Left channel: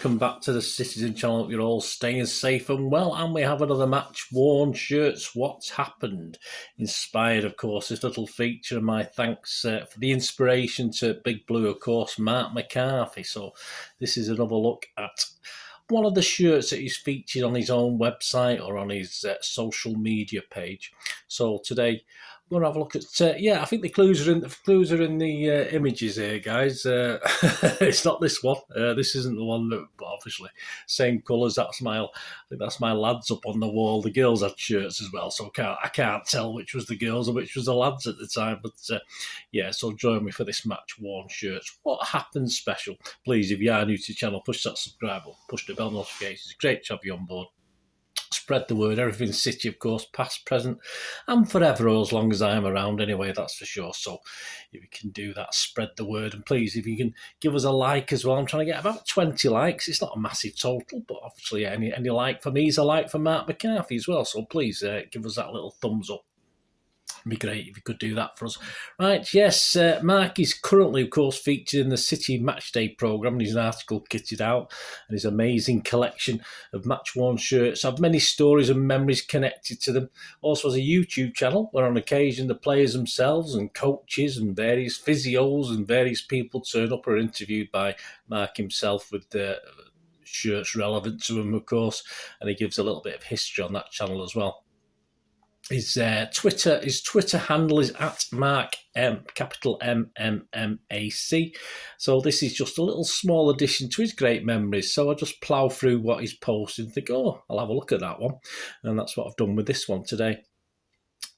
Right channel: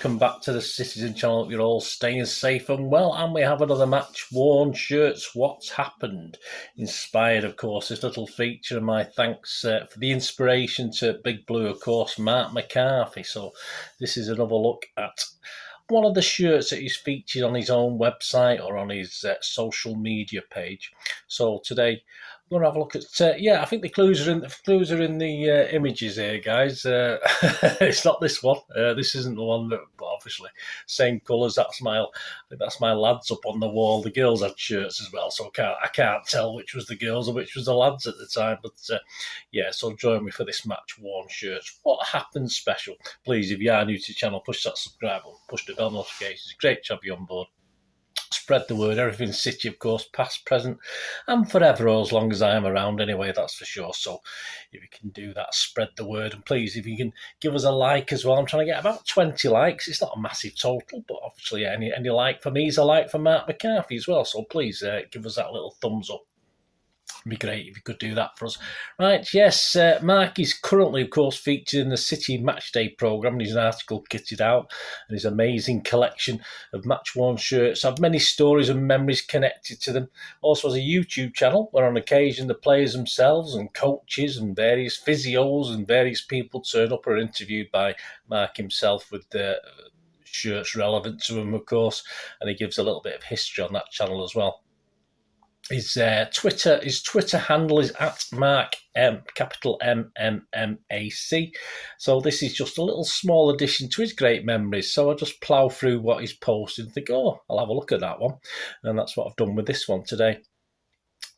welcome back to the Citizen channel. Hope you're all staying safe and well, and we have another match-worn shirts. What's happened? Inspired, of course, this little feature, and my thanks for the inspiration to Big Blue, of course, Marc McCarthy. So this is another look at one of the shirts that he's featured on his own website or on his social media page. So today we're going to have a look at, I think the clues are in the images here, guys. It's not this one. This isn't the one, but obviously same colours. I think that's my lads up on the wall. The girls had shirts as well, so I can't tell which was the girls and which was the lads at the time. But so join me for this match-worn shirts. What happened special? Please, if you are new to the channel, push that subscribe button, push the bell notifications. Great to have you on board. Spread the word. Everything City, of course, past, present, and forever, or as long as I am around anyway, that's for sure. So if you can do that, spread the word. And please, if you can give us a like as well. I'm trying to get about 20 likes. It's not a massive total, but obviously any like for me is a like for Marc McCarthy as well. So please give us that little thumbs up. It'd be great if you could do that for us. Right, yes, Marc is currently, of course, featured in the City Matchday programme, and his article kitted out, and his amazing collection of match-worn shirts have many stories and memories connected to them. Also has a YouTube channel where on occasion the players themselves and coaches and various physios and various people turn up or are interviewed by Marc himself with the shirts relevant to him, of course, and he gives a little bit of history on that channel as well. His Twitter handle is at Marc capital MMMAC. So this is just a little small addition to his great memories. So I just plough through what he's posted and think, oh, I'll have a look at that one. And that's what I've done with this one today.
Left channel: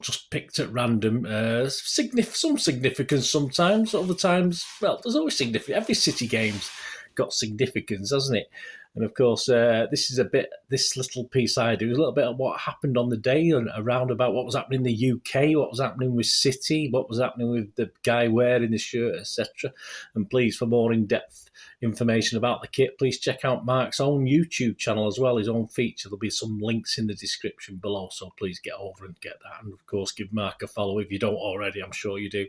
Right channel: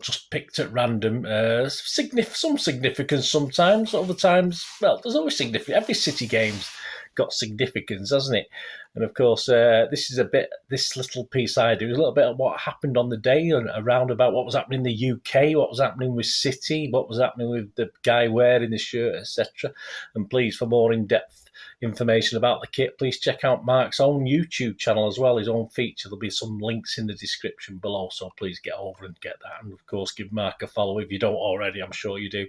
Just picked at random, some significance sometimes, other times, well, there's always significance. Every City game's got significance, hasn't it? And of course, this little piece I do is a little bit of what happened on the day and around about what was happening in the UK, what was happening with City, what was happening with the guy wearing the shirt, etc. And please, for more in-depth information about the kit, please check out Marc's own YouTube channel as well, his own feature. There'll be some links in the description below, so please get over and get that. And of course, give Marc a follow if you don't already, I'm sure you do.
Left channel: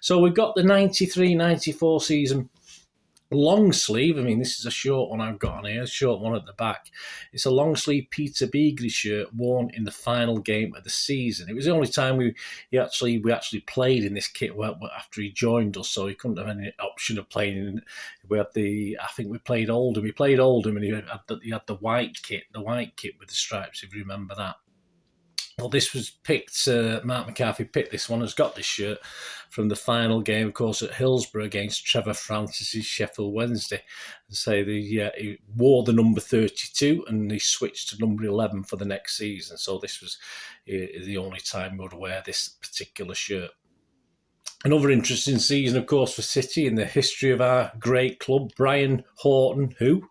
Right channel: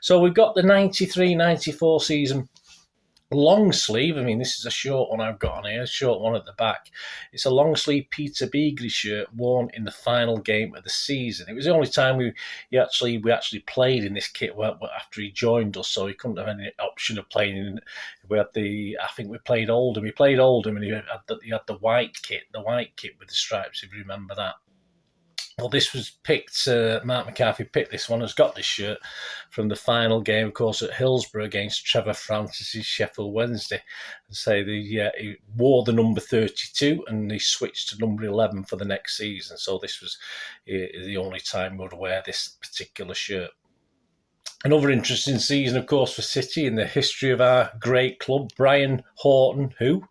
So we've got the 93-94 season long sleeve. I mean, this is a short one I've got on here, a short one at the back. It's a long sleeve Peter Beagrie shirt worn in the final game of the season. It was the only time we actually played in this kit after he joined us, so he couldn't have any option of playing in. I think we played Oldham. He played Oldham, and he had the white kit with the stripes, if you remember that. Well, this was picked, Marc McCarthy picked this one, has got this shirt from the final game, of course, at Hillsborough against Trevor Francis's Sheffield Wednesday. And say he wore the number 32 and he switched to number 11 for the next season. So this was the only time we would wear this particular shirt. Another interesting season, of course, for City in the history of our great club. Brian Horton, who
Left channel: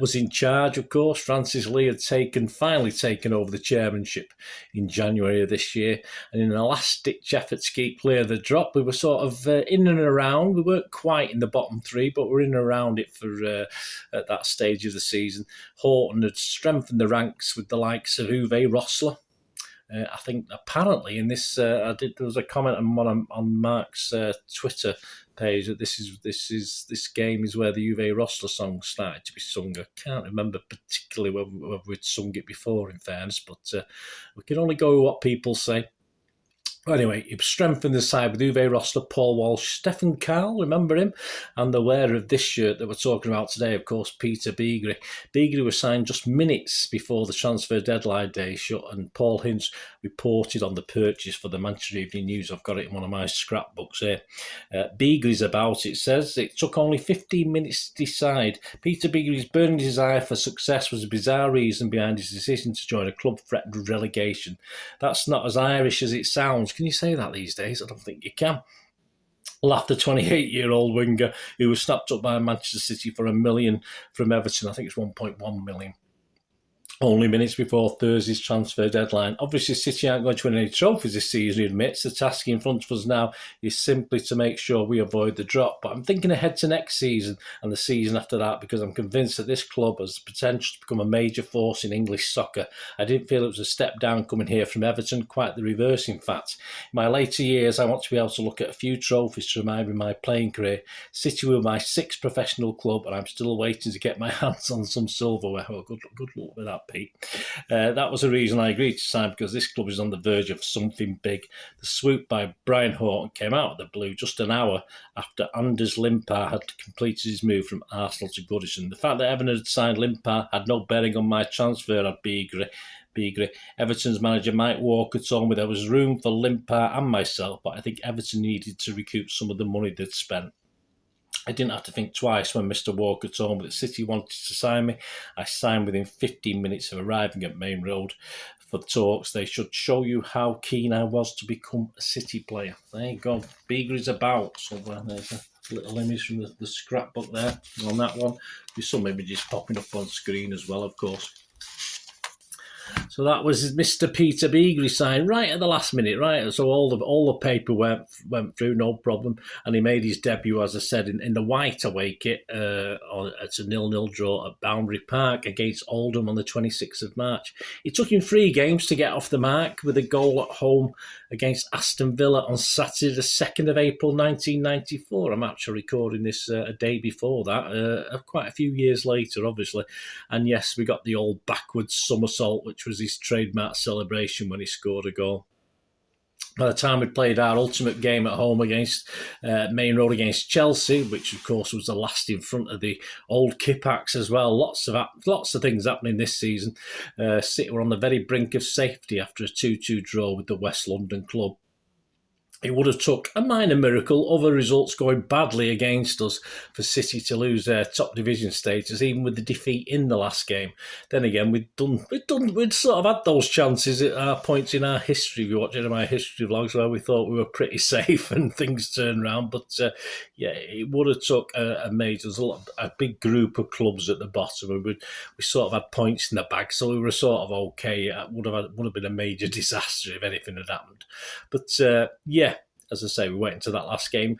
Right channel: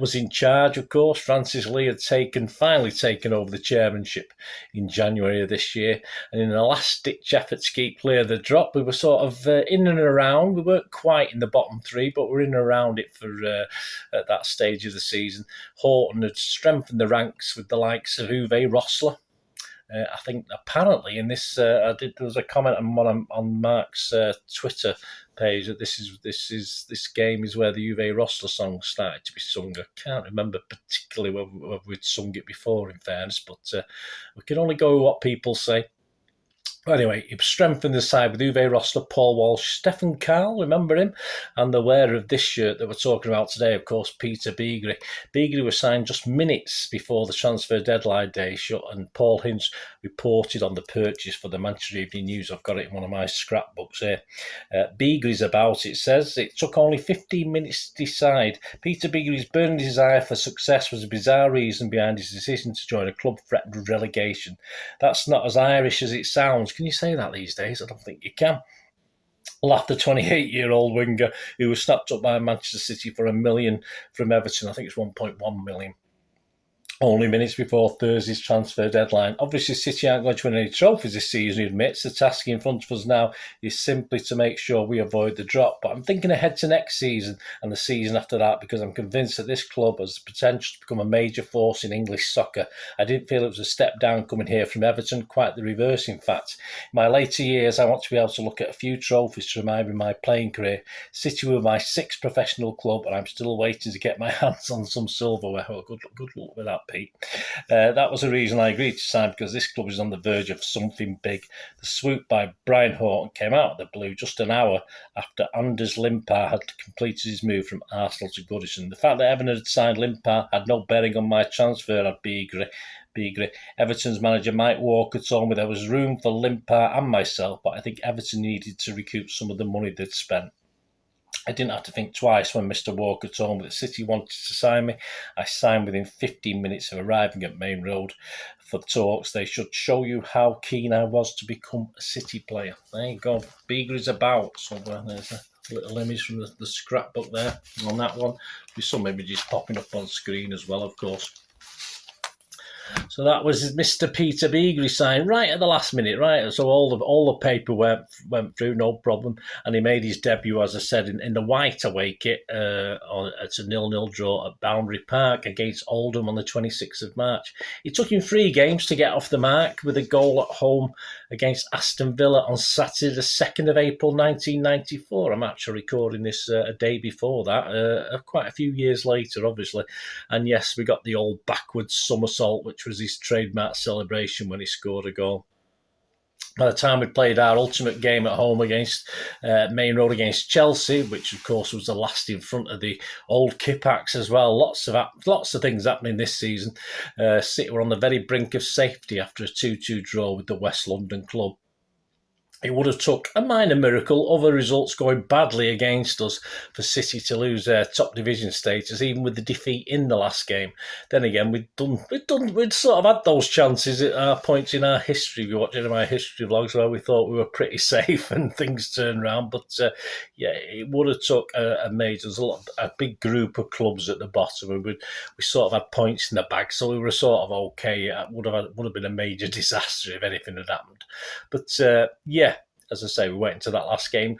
was in charge, of course. Francis Lee had finally taken over the chairmanship in January of this year. And in a last-ditch effort to keep clear of the drop, we were sort of in and around. We weren't quite in the bottom three, but we're in and around it for at that stage of the season. Horton had strengthened the ranks with the likes of Uwe Rosler. I think apparently in this, there was a comment on Marc's Twitter page that this game is where the Uwe Rosler song started to be sung. I can't remember particularly whether we'd sung it before, in fairness, but we can only go with what people say. Anyway, he strengthened the side with Uwe Rosler, Paul Walsh, Stefan Karl, remember him? And the wearer of this shirt that we're talking about today, of course, Peter Beagrie. Beagrie was signed just minutes before the transfer deadline day shut, and Paul Hinch reported on the purchase for the Manchester Evening News. I've got it in one of my scrapbooks here. Beagrie's about it says, it took only 15 minutes to decide. Peter Beagrie's burning desire for success was a bizarre reason behind his decision to join a club threatened with relegation. That's not as Irish as it sounds. Can you say that these days? I don't think you can. Laughed the 28-year-old winger who was snapped up by Manchester City for $1 million from Everton. I think it's 1.1 million. only minutes before Thursday's transfer deadline. Obviously, City aren't going to win any trophies this season, he admits. The task in front of us now is simply to make sure we avoid the drop. But I'm thinking ahead to next season and the season after that, because I'm convinced that this club has the potential to become a major force in English soccer. I didn't feel it was a step down coming here from Everton, quite the reverse, in fact. In my later years, I want to be able to look at a few trophies to remind me of my playing career. City were my sixth professional club, and I'm still waiting to get my hands on some silverware. Well, good luck with that, Pete. That was the reason I agreed to sign, because this club is on the verge of something big. The swoop by Brian Horton came out of the blue just an hour after Anders Limpar had completed his move from Arsenal to Goodison. The fact that Everton had signed Limpar had no bearing on my transfer at Beagrie. Everton's manager Mike Walker told me there was room for Limpar and myself, but I think Everton needed to recoup some of the money they'd spent. I didn't have to think twice when Mr. Walker told me that City wanted to sign me. I signed within 15 minutes of arriving at Main Road for talks. They should show you how keen I was to become a City player. There you go. Beagrie's about. So there's a little image from the scrapbook there on that one, with some images popping up on screen as well, of course. So that was Mr. Peter Beagrie signed right at the last minute, right? So all the paper went through, no problem, and he made his debut, as I said, in the white away kit. It's a 0-0 draw at Boundary Park against Oldham on the 26th of March. It took him 3 games to get off the mark, with a goal at home against Aston Villa on Saturday, the 2nd of April 1994. I'm actually recording this a day before that, quite a few years later, obviously. And yes, we got the old backwards somersault, which was his trademark celebration when he scored a goal. By the time we played our ultimate game at home against Main Road against Chelsea, which of course was the last in front of the old Kippax as well, lots of things happening this season. City were on the very brink of safety after a 2-2 draw with the West London club. It would have took a minor miracle, other results going badly against us, for City to lose their top division status, even with the defeat in the last game. Then again, we'd sort of had those chances at our points in our history. We're watching my history vlogs where we thought we were pretty safe and things turned around. But it would have took a major. There's a big group of clubs at the bottom, and we sort of had points in the bag, so we were sort of okay. It would have been a major disaster if anything had happened. But as I say, we went into that last game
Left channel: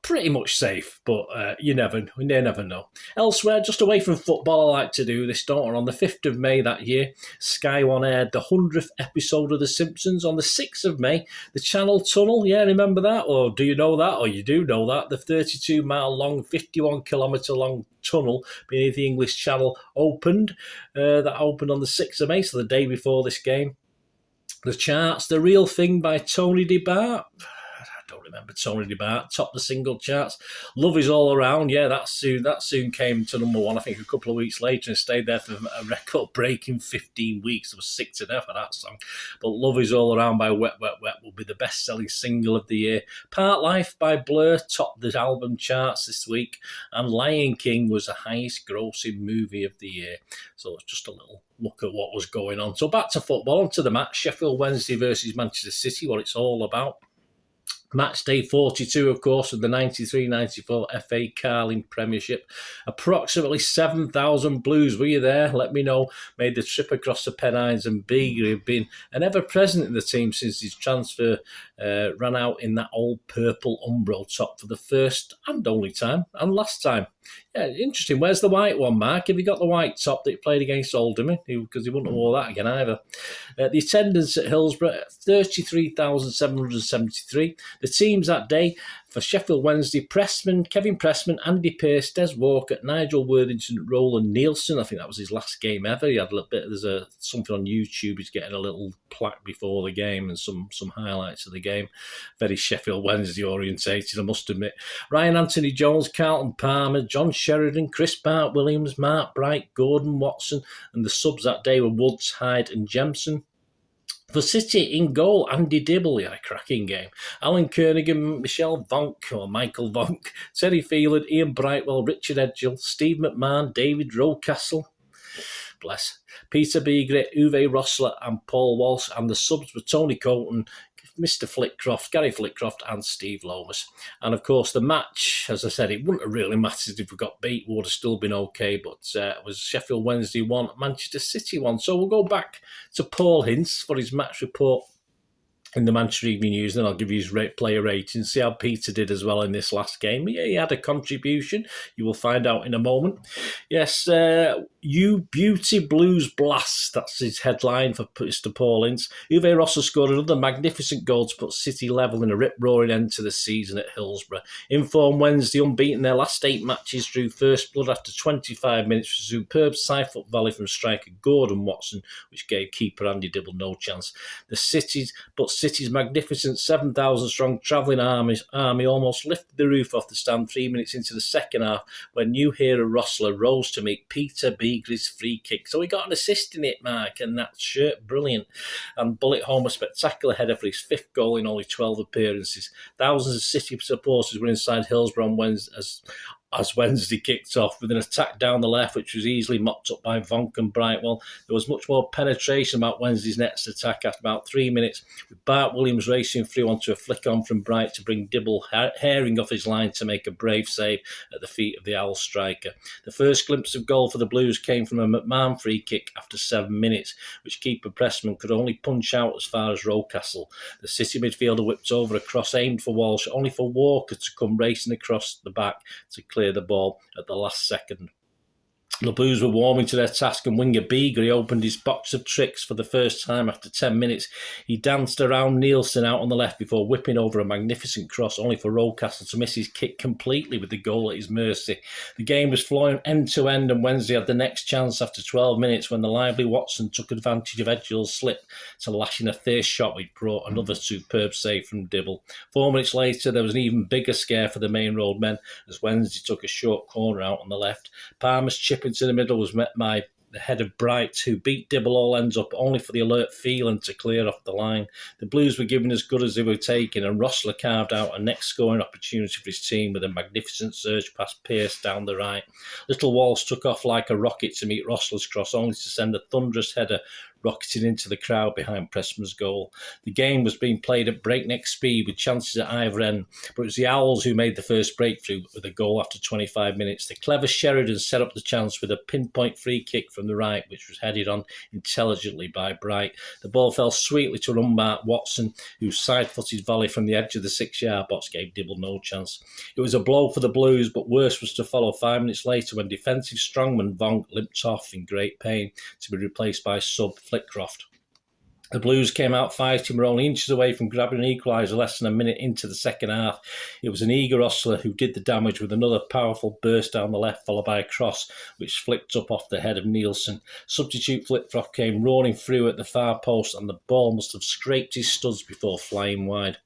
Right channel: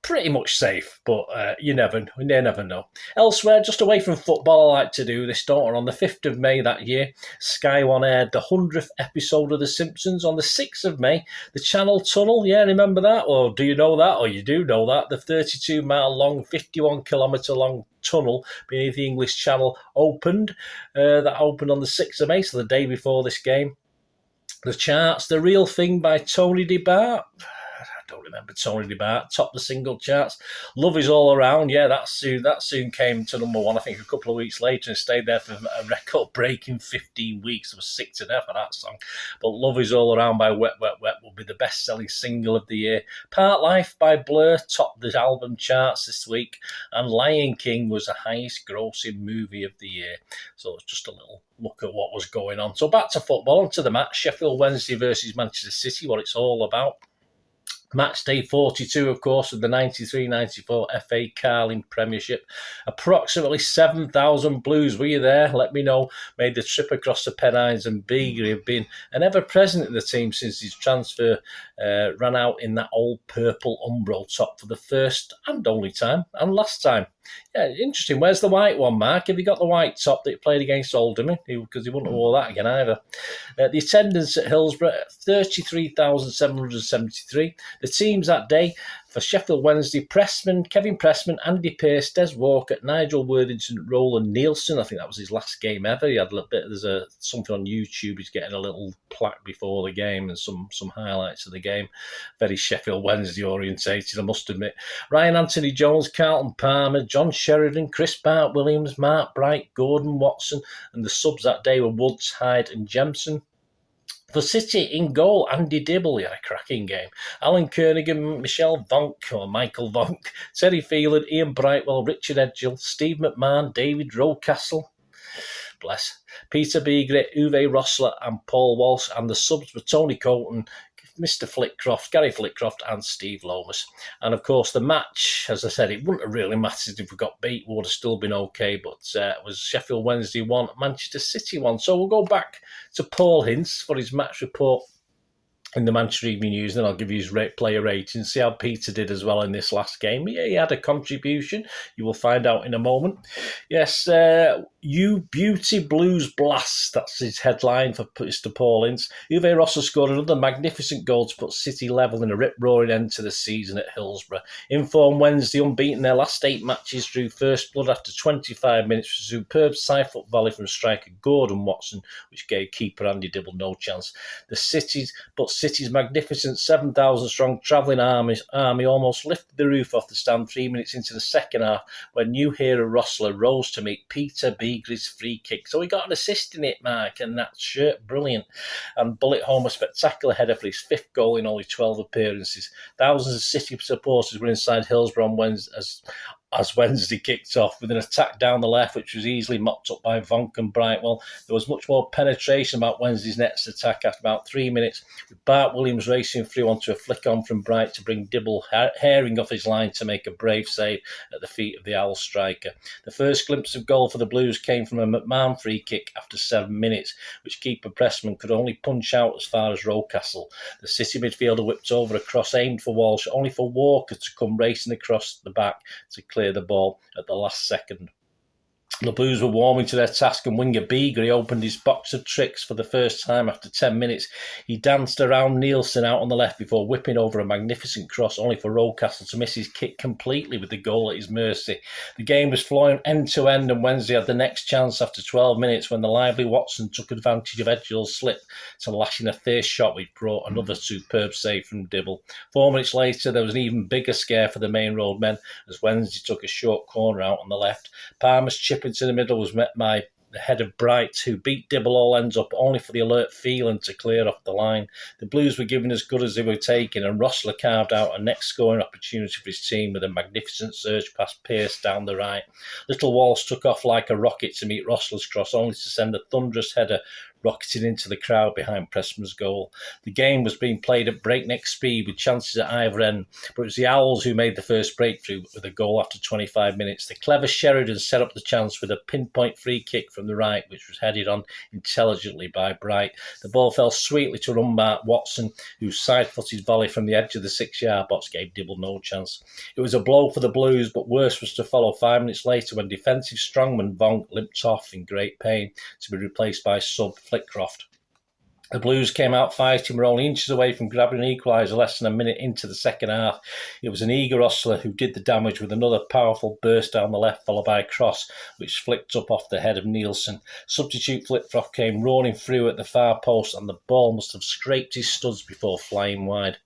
pretty much safe, but you never know. Elsewhere, just away from football, I like to do this, don't I? On the 5th of May that year, Sky One aired the 100th episode of The Simpsons. On the 6th of May, the Channel Tunnel, remember that? Or do you know that? Or you do know that? The 32-mile long, 51-kilometre long tunnel beneath the English Channel opened. That opened on the 6th of May, so the day before this game. The charts, The Real Thing by Tony DeBart. I don't remember Tony DeBart. Topped the single charts. Love Is All Around. Yeah, that soon came to number 1, I think, a couple of weeks later, and stayed there for a record-breaking 15 weeks. I was sick to death of that song. But Love Is All Around by Wet Wet Wet will be the best-selling single of the year. Part Life by Blur topped the album charts this week. And Lion King was the highest-grossing movie of the year. So it's just a little look at what was going on. So back to football, onto the match. Sheffield Wednesday versus Manchester City, what it's all about. Match day 42, of course, of the 93-94 FA Carling Premiership. Approximately 7,000 Blues. Were you there? Let me know. Made the trip across the Pennines, and Beagrie have been an ever-present in the team since his transfer ran out in that old purple Umbro top for the first and only time, and last time. Yeah, interesting. Where's the white one, Marc? Have you got the white top that he played against Oldham? Because he wouldn't have wore that again either. The attendance at Hillsborough, 33,773. The teams that day for Sheffield Wednesday: Kevin Pressman, Andy Pearce, Des Walker, Nigel Worthington, Roland Nielsen. I think that was his last game ever. He had a little bit. There's something on YouTube. He's getting a little plaque before the game and some highlights of the game. Very Sheffield Wednesday orientated, I must admit. Ryan Anthony Jones, Carlton Palmer, John Sheridan, Chris Bart Williams, Mark Bright, Gordon Watson, and the subs that day were Woods, Hyde, and Jemson. For City, in goal, Andy Dibble, he had a cracking game. Alan Kernigan, Michael Vonk, Terry Phelan, Ian Brightwell, Richard Edgill, Steve McMahon, David Rocastle, bless, Peter Beagrie, Uwe Rossler, and Paul Walsh. And the subs were Tony Colton, Mr. Flitcroft, Gary Flitcroft and Steve Lomas. And of course the match, as I said, it wouldn't have really mattered if we got beat, we would have still been okay, but it was Sheffield Wednesday 1, Manchester City 1. So we'll go back to Paul Hintz for his match report in the Manchester Evening News, and I'll give you his player rating, see how Peter did as well in this last game. Yeah, he had a contribution. You will find out in a moment. Yes, You Beauty Blues Blast. That's his headline for Mr. Paul Ince. Uwe Rosser scored another magnificent goal to put City level in a rip-roaring end to the season at Hillsborough. Inform Wednesday unbeaten their last 8 matches, drew first blood after 25 minutes for superb side-foot volley from striker Gordon Watson, which gave keeper Andy Dibble no chance. City's magnificent 7,000-strong travelling army almost lifted the roof off the stand 3 minutes into the second half when new hero Rossler rose to meet Peter Beagrie's free kick. So he got an assist in it, Marc, and that shirt, brilliant. And bullet home a spectacular header for his 5th goal in only 12 appearances. Thousands of City supporters were inside Hillsborough on Wednesday as Wednesday kicked off with an attack down the left, which was easily mopped up by Vonk and Brightwell. There was much more penetration about Wednesday's next attack after about 3 minutes, with Bart Williams racing through onto a flick on from Bright to bring Dibble herring off his line to make a brave save at the feet of the Owl striker. The first glimpse of goal for the Blues came from a McMahon free kick after 7 minutes, which keeper Pressman could only punch out as far as Rocastle. The City midfielder whipped over a cross aimed for Walsh, only for Walker to come racing across the back to clear the ball at the last second. The Blues were warming to their task and winger Beagrie opened his box of tricks for the first time after 10 minutes. He danced around Nielsen out on the left before whipping over a magnificent cross, only for Rocastle to miss his kick completely with the goal at his mercy. The game was flowing end to end and Wednesday had the next chance after 12 minutes when the lively Watson took advantage of Edgill's slip to lash in a fierce shot which brought another superb save from Dibble. 4 minutes later, there was an even bigger scare for the main road men as Wednesday took a short corner out on the left. Palmer's chip into the middle was met by the head of Bright, who beat Dibble all ends up only for the alert Phelan to clear off the line. The Blues were given as good as they were taking, and Rossler carved out a next scoring opportunity for his team with a magnificent surge past Pearce down the right. Little Walsh took off like a rocket to meet Rossler's cross, only to send a thunderous header rocketing into the crowd behind Pressman's goal. The game was being played at breakneck speed with chances at either end, but it was the Owls who made the first breakthrough with a goal after 25 minutes. The clever Sheridan set up the chance with a pinpoint free kick from the right, which was headed on intelligently by Bright. The ball fell sweetly to unmarked Watson, whose side-footed volley from the edge of the 6-yard box gave Dibble no chance. It was a blow for the Blues, but worse was to follow 5 minutes later when defensive strongman Vonk limped off in great pain to be replaced by sub Flitcroft. The Blues came out fighting, were only inches away from grabbing an equaliser less than a minute into the second half. It was an eager Rossler who did the damage with another powerful burst down the left, followed by a cross which flicked up off the head of Nielsen. Substitute Flitcroft came roaring through at the far post and the ball must have scraped his studs before flying wide.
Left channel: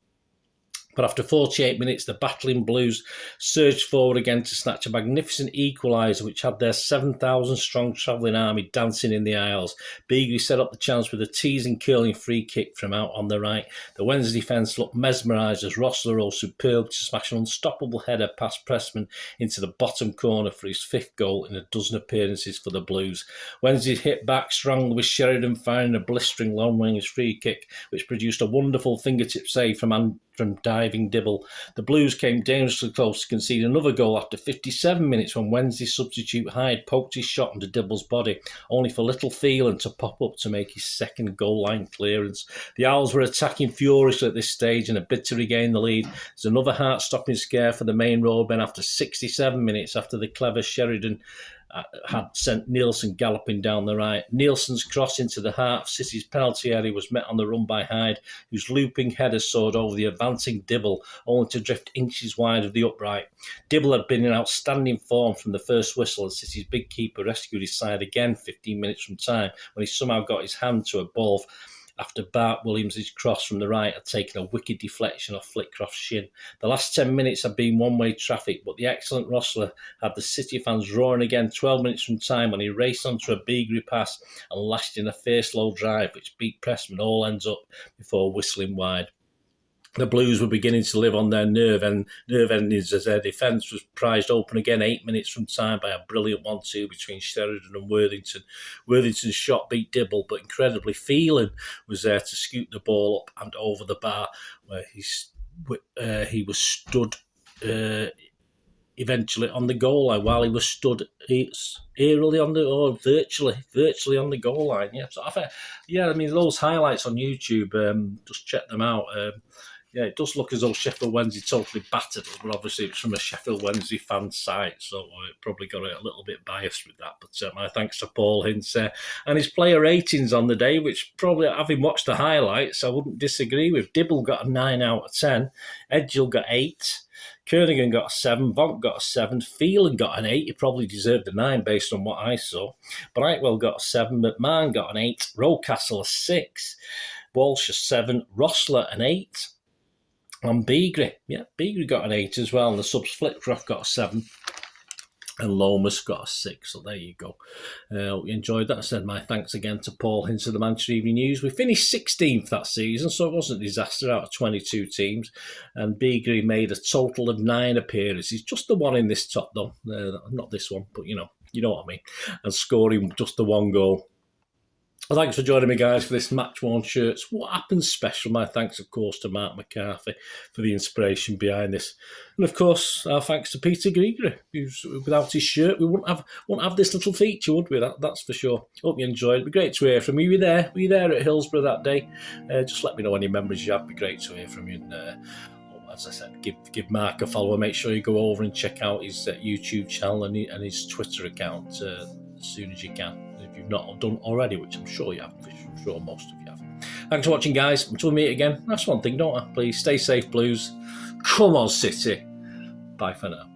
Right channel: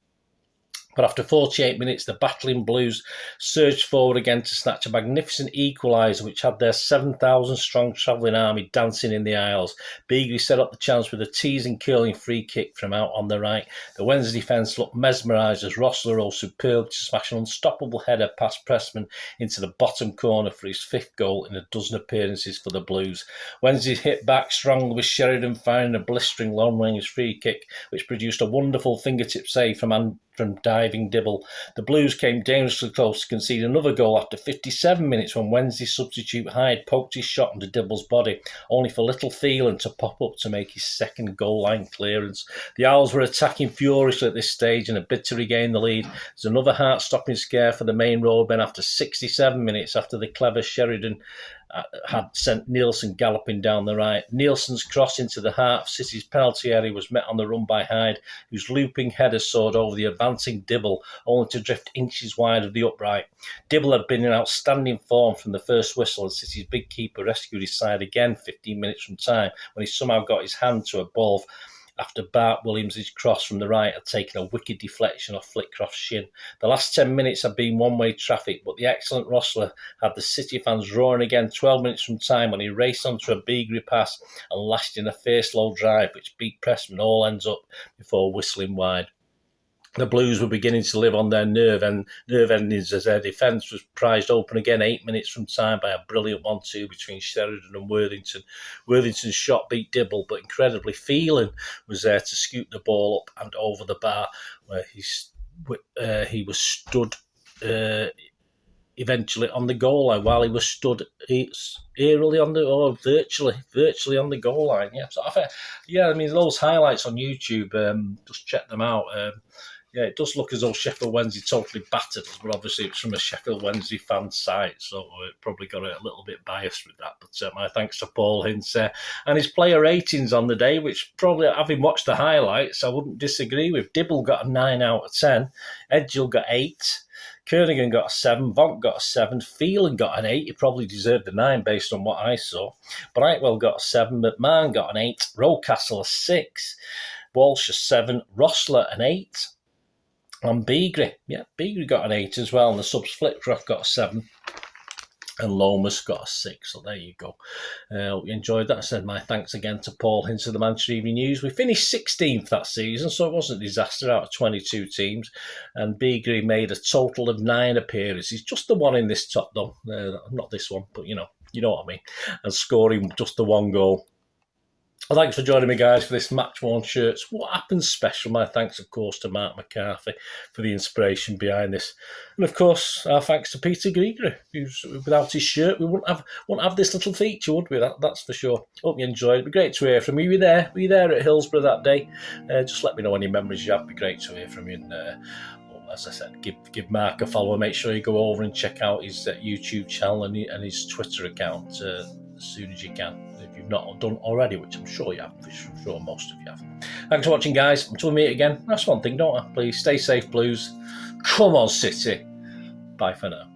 But after 48 minutes, the battling Blues surged forward again to snatch a magnificent equaliser which had their 7,000-strong travelling army dancing in the aisles. Beagrie set up the chance with a teasing, curling free kick from out on the right. The Wednesday defence looked mesmerised as Rossler rose superb to smash an unstoppable header past Pressman into the bottom corner for his 5th goal in a dozen appearances for the Blues. Wednesday hit back strongly with Sheridan firing a blistering long-range free kick which produced a wonderful fingertip save from diving Dibble. The Blues came dangerously close to concede another goal after 57 minutes when Wednesday substitute Hyde poked his shot into Dibble's body, only for little Phelan to pop up to make his 2nd goal line clearance. The Owls were attacking furiously at this stage and had bid to regain the lead. There's another heart-stopping scare for the main roadmen after 67 minutes after the clever Sheridan had sent Nielsen galloping down the right. Nielsen's cross into the heart of City's penalty area was met on the run by Hyde, whose looping header soared over the advancing Dibble, only to drift inches wide of the upright. Dibble had been in outstanding form from the first whistle, and City's big keeper rescued his side again 15 minutes from time when he somehow got his hand to a ball after Bart Williams' cross from the right had taken a wicked deflection off Flitcroft's shin. The last 10 minutes had been one-way traffic, but the excellent Rossler had the City fans roaring again 12 minutes from time when he raced onto a Beagrie pass and lashed in a fierce low drive which beat Pressman all ends up before whistling wide. the Blues were beginning to live on their nerve endings as their defence was prized open again 8 minutes from time by a brilliant 1-2 between Sheridan and Worthington. Worthington's shot beat Dibble, but incredibly Phelan was there to scoop the ball up and over the bar, where he was stood eventually on the goal line while he was stood eerily on the, or virtually on the goal line. Yeah, so I mean, those highlights on YouTube, just check them out. Yeah, it does look as though Sheffield Wednesday totally battered us, but obviously it's from a Sheffield Wednesday fan site, so it probably got a little bit biased with that. But my thanks to Paul Hintz and his player ratings on the day, which probably, having watched the highlights, I wouldn't disagree with. Dibble got a 9 out of 10, Edgill got 8, Kernigan got a 7, Vonk got a 7, Phelan got an 8. He probably deserved a 9 based on what I saw. Brightwell got a 7, McMahon got an 8, Rocastle a 6, Walsh a 7, Rossler an 8. And Beagrie got an 8 as well. And the subs Flipcraft got a 7. And Lomas got a 6. So there you go. Hope you enjoyed that. I said my thanks again to Paul Hintz of the Manchester Evening News. We finished 16th that season, so it wasn't a disaster out of 22 teams. And Beagrie made a total of 9 appearances. Just the one in this top, though. Not this one, but you know what I mean. And scoring just the 1 goal. Thanks for joining me, guys, for this Match-Worn Shirts What Happened special. My thanks, of course, to Marc McCarthy for the inspiration behind this. And, of course, our thanks to Peter Beagrie, who's, without his shirt, we wouldn't have this little feature, would we? That's for sure. Hope you enjoyed. It'd be great to hear from you. Were you there at Hillsborough that day? Just let me know any memories you have. It'd be great to hear from you. And, as I said, give Marc a follow. Make sure you go over and check out his YouTube channel and his Twitter account as soon as you can. Not done already, which I'm sure you have. I'm sure most of you have. Thanks for watching, guys. Until we meet again, that's one thing, don't I? Please stay safe, Blues. Come on, City. Bye for now.